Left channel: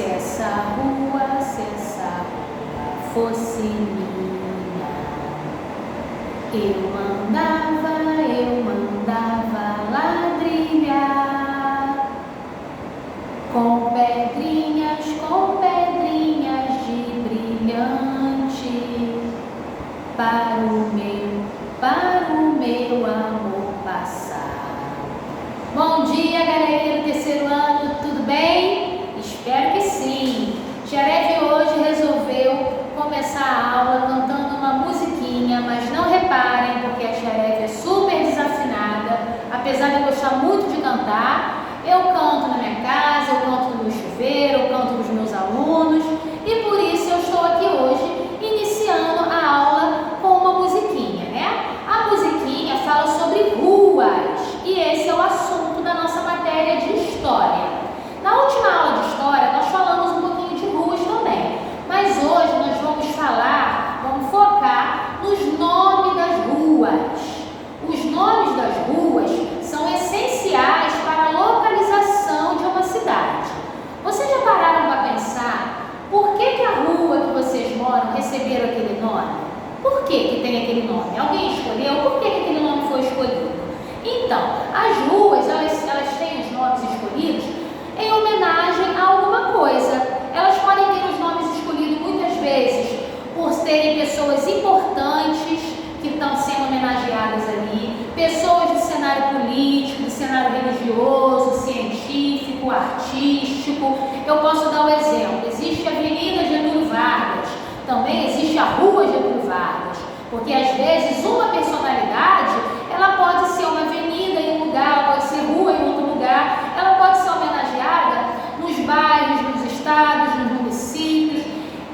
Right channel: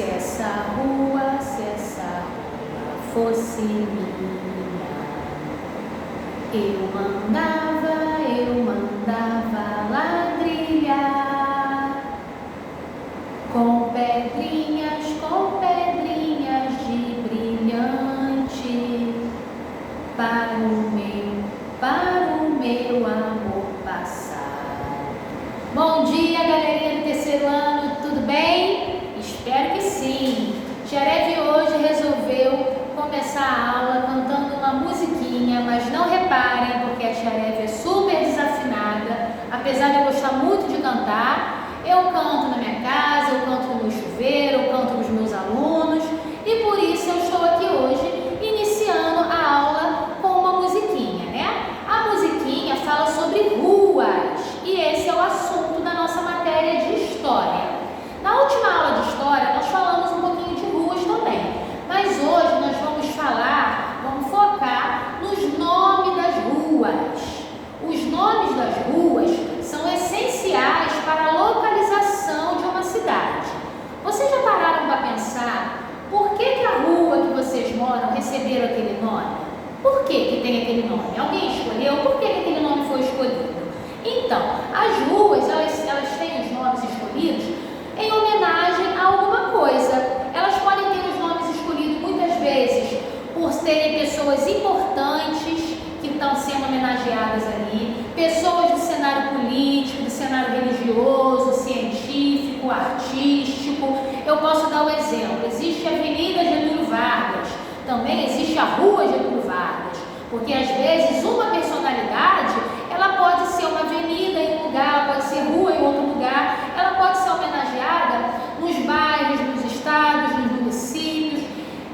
Se essa rua fosse minha, eu mandava ladrilhar com pedrinhas de brilhante para o meu amor passar. Bom dia, galerinha do terceiro ano, tudo bem? Espero que sim. Xereve hoje resolveu começar a aula cantando uma musiquinha, mas não reparem, porque a Xereve é super desafinada. Apesar de eu gostar muito de cantar, eu canto na minha casa, eu canto no meu chuveiro, eu canto com os meus alunos, e por isso eu estou aqui hoje iniciando a aula com uma musiquinha, né? A musiquinha fala sobre ruas, e esse é o assunto da nossa matéria de História. Na última aula de História, nós falamos um pouquinho de ruas também, mas hoje nós vamos focar nos nomes das ruas. Os nomes das ruas são essenciais para a localização de uma cidade. Vocês já pararam para pensar por que a rua que vocês moram receberam aquele nome? Por que tem aquele nome? Alguém escolheu? Por que aquele nome foi escolhido? Então, as ruas, elas têm os nomes escolhidos em homenagem a alguma coisa. Elas podem ter os nomes escolhidos muitas vezes por serem pessoas importantes que estão sendo homenageadas ali, pessoas do cenário político, do cenário religioso, científico, artístico. Eu posso dar um exemplo: existe a Avenida Getúlio Vargas, também existe a Rua Getúlio Vargas, porque às vezes uma personalidade, ela pode ser uma avenida em um lugar, ela pode ser rua em outro lugar, ela pode ser homenageada nos bairros, nos estados, nos municípios,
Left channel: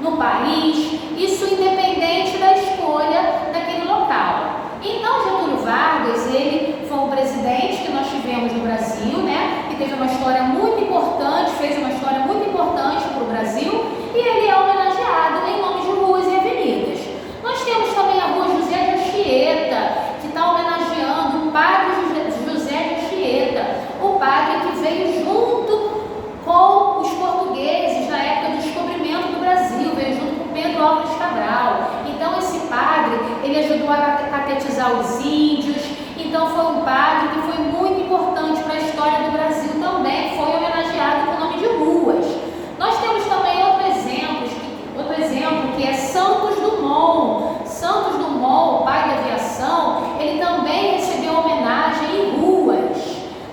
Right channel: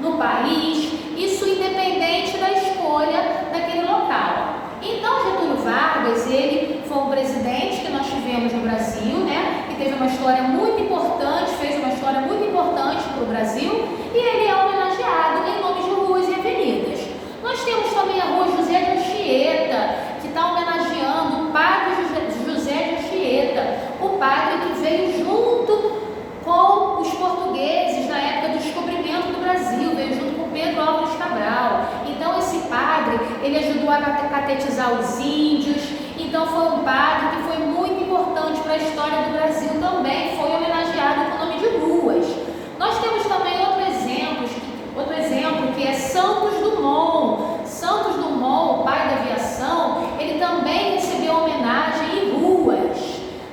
no país, isso independente da escolha daquele local. Então, Getúlio Vargas, ele foi um presidente que nós tivemos no Brasil, né, que teve uma história muito importante, fez uma história muito importante para o Brasil, e ele é homenageado em nome de ruas e avenidas. Nós temos também a Rua José de Anchieta, que está homenageando o padre José de Anchieta, o padre que veio junto com os portugueses na época do descobrimento do Brasil, veio junto com Pedro Álvares Cabral. Então esse padre, ele ajudou a catequizar os índios, então foi um padre que foi muito importante para a história do Brasil também, foi homenageado com o nome de ruas. Nós temos também outro exemplo que é Santos Dumont. Santos Dumont, o pai da aviação, ele também recebeu homenagem em ruas.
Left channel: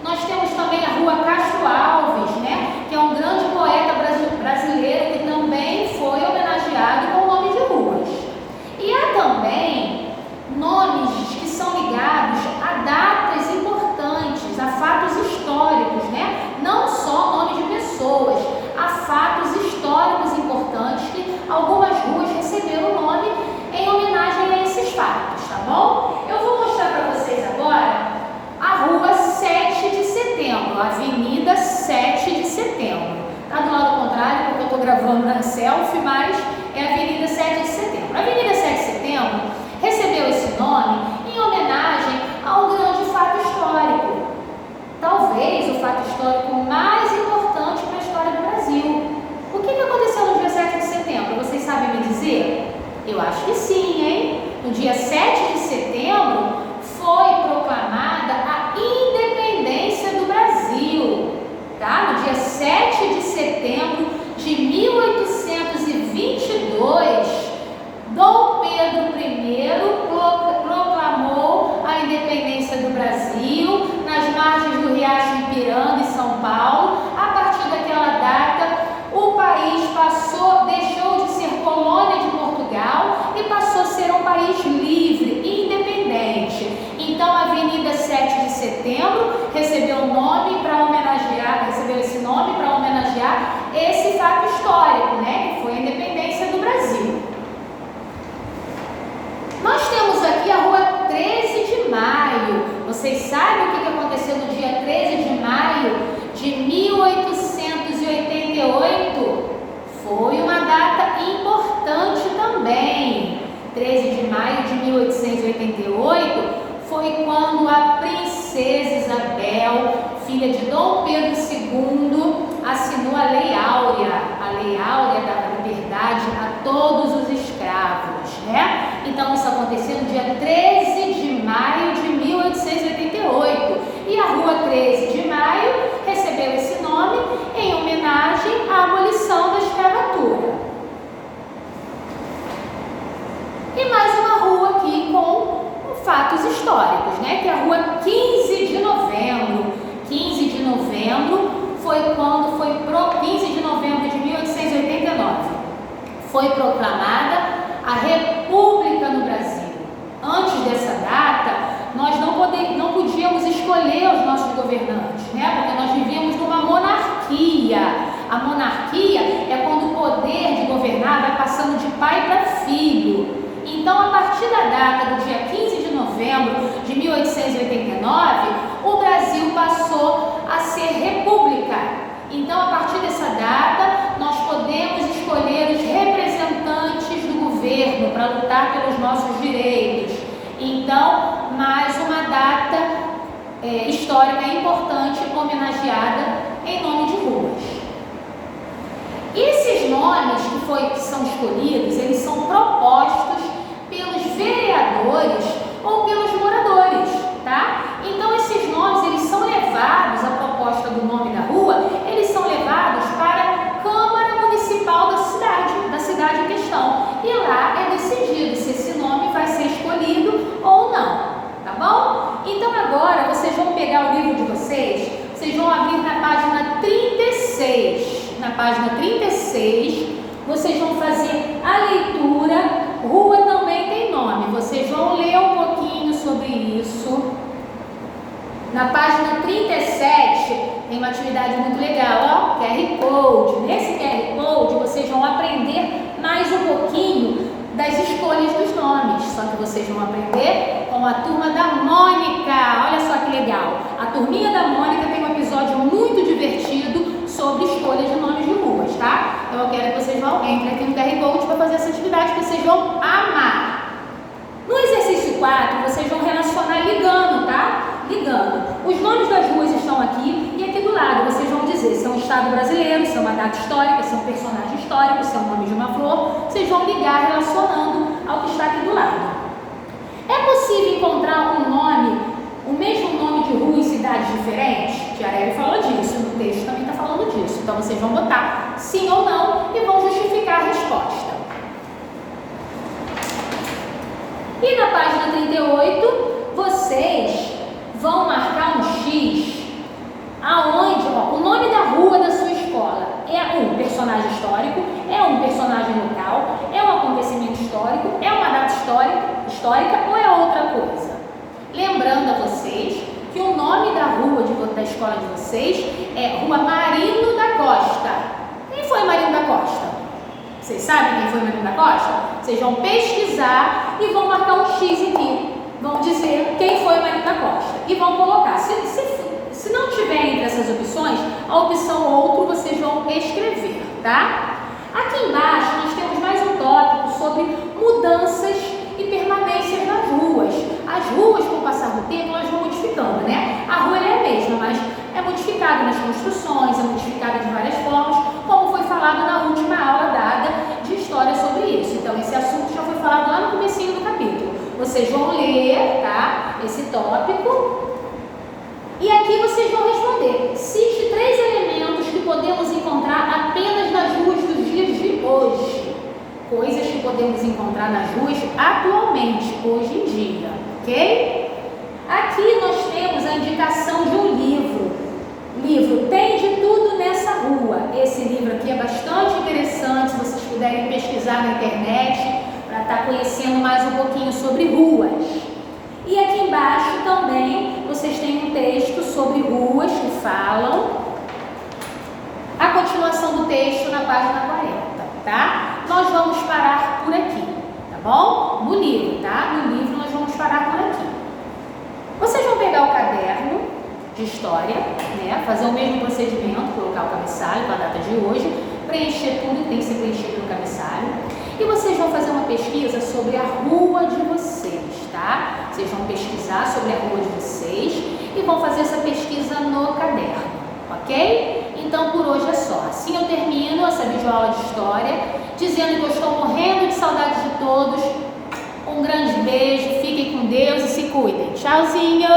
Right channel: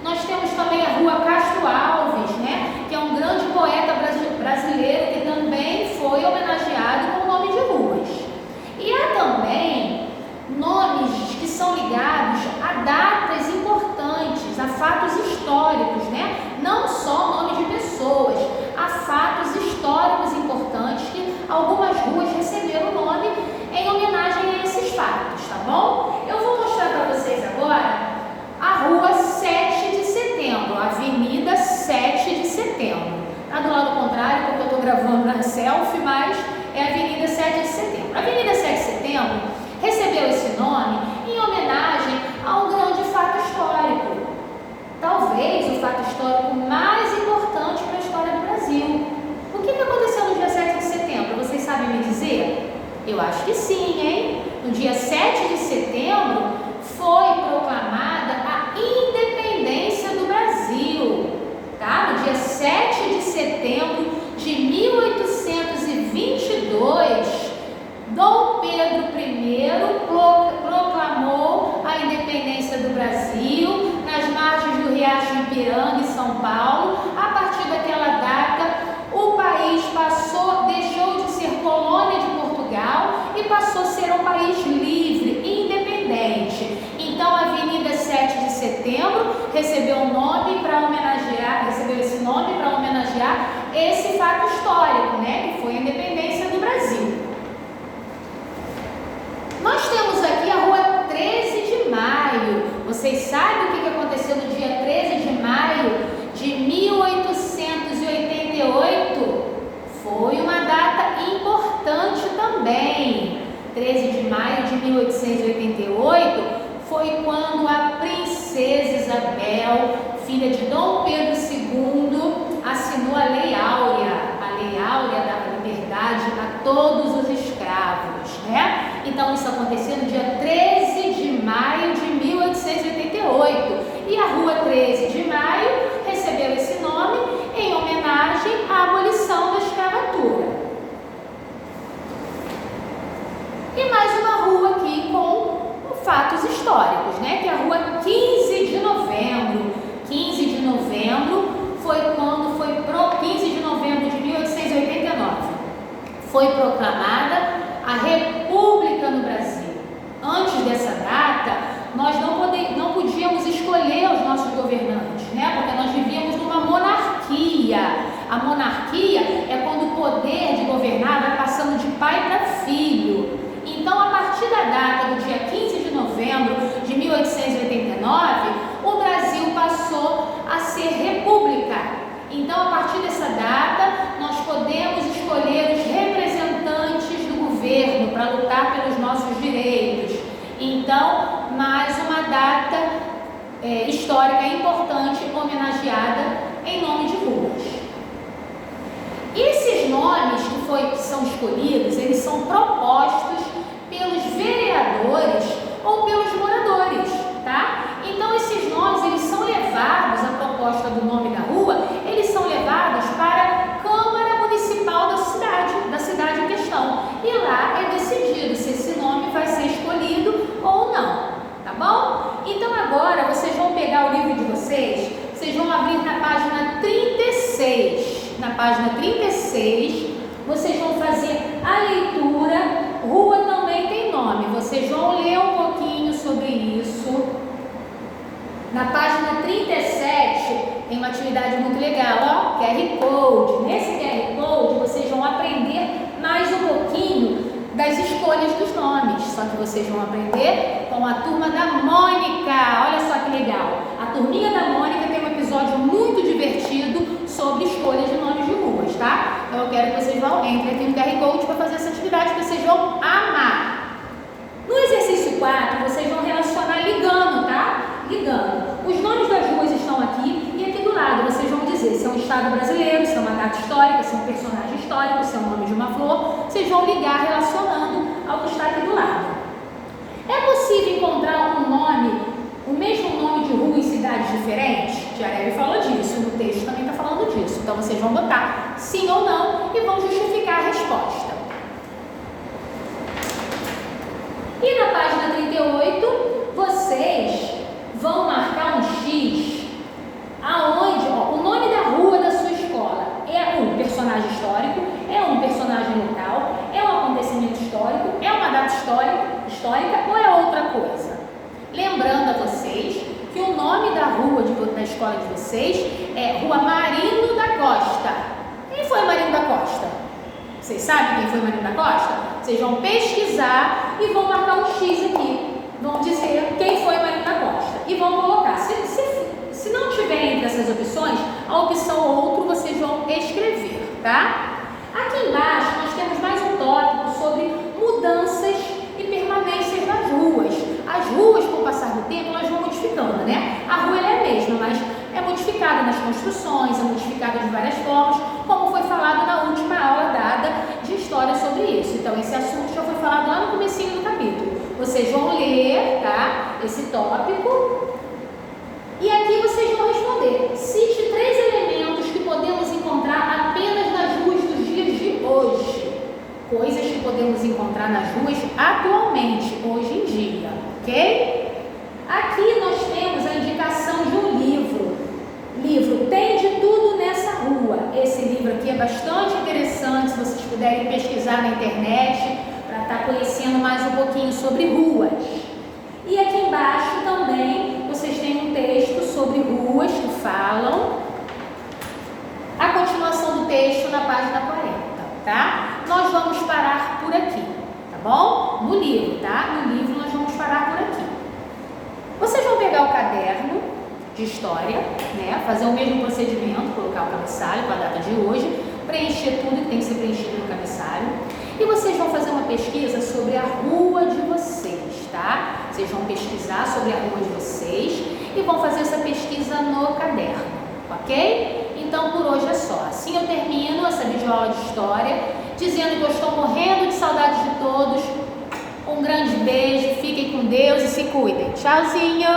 Nós temos também a Rua Castro Alves, né, que é um grande poeta brasileiro que também foi homenageado com o nome de ruas. E há também nomes que são ligados a datas importantes, a fatos históricos, né? Não só nome de pessoas, há fatos históricos importantes que algumas ruas receberam o nome em homenagem a esses fatos, tá bom? Eu vou mostrar para vocês agora a Rua 7 de Setembro, a Avenida 7 de Setembro. Tá do lado contrário, porque eu estou gravando na selfie, mas é a Avenida 7 de Setembro. A Avenida 7 de Setembro recebeu esse nome em homenagem a um grande fato histórico. Talvez o fato histórico mais importante para a história do Brasil. O que aconteceu no dia 7 de setembro? Vocês sabem me dizer? Eu acho que sim, hein? No dia 7 de setembro foi proclamada a independência do Brasil, tá? No dia 7 de setembro de 1822, Dom Pedro I proclamou a independência do Brasil nas margens do Riacho Ipiranga, em São Paulo. A partir daquela data, o país deixou de ser colônia de Portugal e passou a ser um país livre e independente. Então, a Avenida 7 de Setembro recebeu esse nome para homenagear esse fato histórico, né, que foi a independência do Brasil. Nós temos aqui a Rua 13 de Maio. Vocês sabem o que aconteceu no dia 13 de maio de 1888? Foi uma data importante também. 13 de maio de 1888 foi quando a princesa Isabel, filha de Dom Pedro II, assinou a Lei Áurea. A Lei Áurea dava liberdade a todos os escravos, né? Então isso aconteceu no dia 13 de maio de 1888 e a Rua 13 de Maio recebeu esse nome em homenagem à abolição da escravatura. E mais uma rua aqui com fatos históricos, né? Que é a Rua 15 de Novembro. 15 de novembro foi quando 15 de novembro de 1889 foi proclamada a República no Brasil. Antes dessa data, nós não podíamos escolher os nossos governantes, né? Porque nós vivíamos numa monarquia. A monarquia é quando o poder de governar vai passando de pai para filho. Então, a partir da data do dia 15 de novembro de 1889, o Brasil passou a ser república. Então, a partir dessa data, nós podemos escolher os representantes do governo para lutar pelos nossos direitos. Então, mais uma data histórica importante homenageada em nome de ruas. Esses nomes que são escolhidos, eles são propostos pelos vereadores ou pelos moradores, tá? Então esses nomes, eles são levados, a proposta do nome da rua, eles são levados para a Câmara Municipal da cidade em questão. E lá é decidido se esse nome vai ser escolhido ou não, tá bom? Então agora vocês vão pegar o livro de vocês vão abrir na página 36. Na página 36, vocês vão fazer a leitura. Rua também tem nome, vocês vão ler um pouquinho sobre isso. Na página 37 tem uma atividade muito legal, ó, QR Code. Nesse QR Code vocês vão aprender mais um pouquinho das escolhas dos nomes, só que vocês vão aprender com a turma da Mônica. Olha só que legal, a turminha da Mônica tem um episódio muito divertido sobre escolhas de nomes de ruas, tá? Então eu quero que vocês entrem aqui no QR Code para fazer essa atividade que vocês vão amar. No exercício 4, vocês vão relacionar ligando, tá? Ligando. Os nomes das ruas estão aqui e aqui do lado vocês vão dizer se é um estado brasileiro, se é uma data histórica, se é um personagem histórico, se é o nome de uma flor. Vocês vão ligar relacionando ao que está aqui do lado. É possível encontrar o mesmo nome de rua em cidades diferentes? Tiarelli falou disso, no texto também está falando disso. Então vocês vão botar sim ou não e vão justificar a resposta. E na página 38, vocês vão marcar um X, aonde o nome da rua da sua escola é um personagem histórico, é um personagem local, é um acontecimento histórico, é uma data histórica ou é outra coisa. Lembrando a vocês que o nome da rua da escola de vocês é Rua Marino da Costa. Quem foi Marino da Costa? Vocês sabem quem foi Marino da Costa? Vocês vão pesquisar e vão marcar um X aqui. Vão dizer quem foi Marino da Costa. E vão colocar. Se não tiver entre essas opções, a opção outro vocês vão escrever, tá? Aqui embaixo nós temos mais um tópico sobre mudanças e permanências nas ruas. As ruas, com o passar do tempo, elas vão modificando, né? A rua ela é a mesma, mas é modificada nas construções, é modificada de várias formas, como foi falado na última aula dada de história sobre isso. Então, esse assunto já foi falado lá no comecinho do capítulo. Vocês vão ler, tá? Esse tópico. E aqui vocês vão responder. Cite 3 elementos que podemos encontrar apenas nas ruas dos dias de hoje. Coisas que podemos encontrar nas ruas atualmente, hoje em dia, ok? Aqui nós temos a indicação de um livro. Livro Tem de Tudo Nessa Rua. Esse livro aqui é bastante interessante, se vocês puderem pesquisar na internet, para estar conhecendo mais um pouquinho sobre ruas. E aqui embaixo também vocês têm um texto sobre ruas que falam. A continuação do texto na página 40, tá? Nós vamos parar por aqui, tá bom? No livro, tá? No livro nós vamos parar por aqui. Vocês vão pegar o caderno de história, né? Fazer o mesmo procedimento, colocar o cabeçalho com a data de hoje, preencher tudo que tem que ser preenchido no cabeçalho. E vocês vão fazer uma pesquisa sobre a rua de vocês, tá? Vocês vão pesquisar sobre a rua de vocês e vão fazer essa pesquisa no caderno, ok? Então, por hoje é só. Assim eu termino termino essa videoaula de história dizendo que eu estou morrendo de saudade de todos. Um grande beijo, fiquem com Deus e se cuidem. Tchauzinho!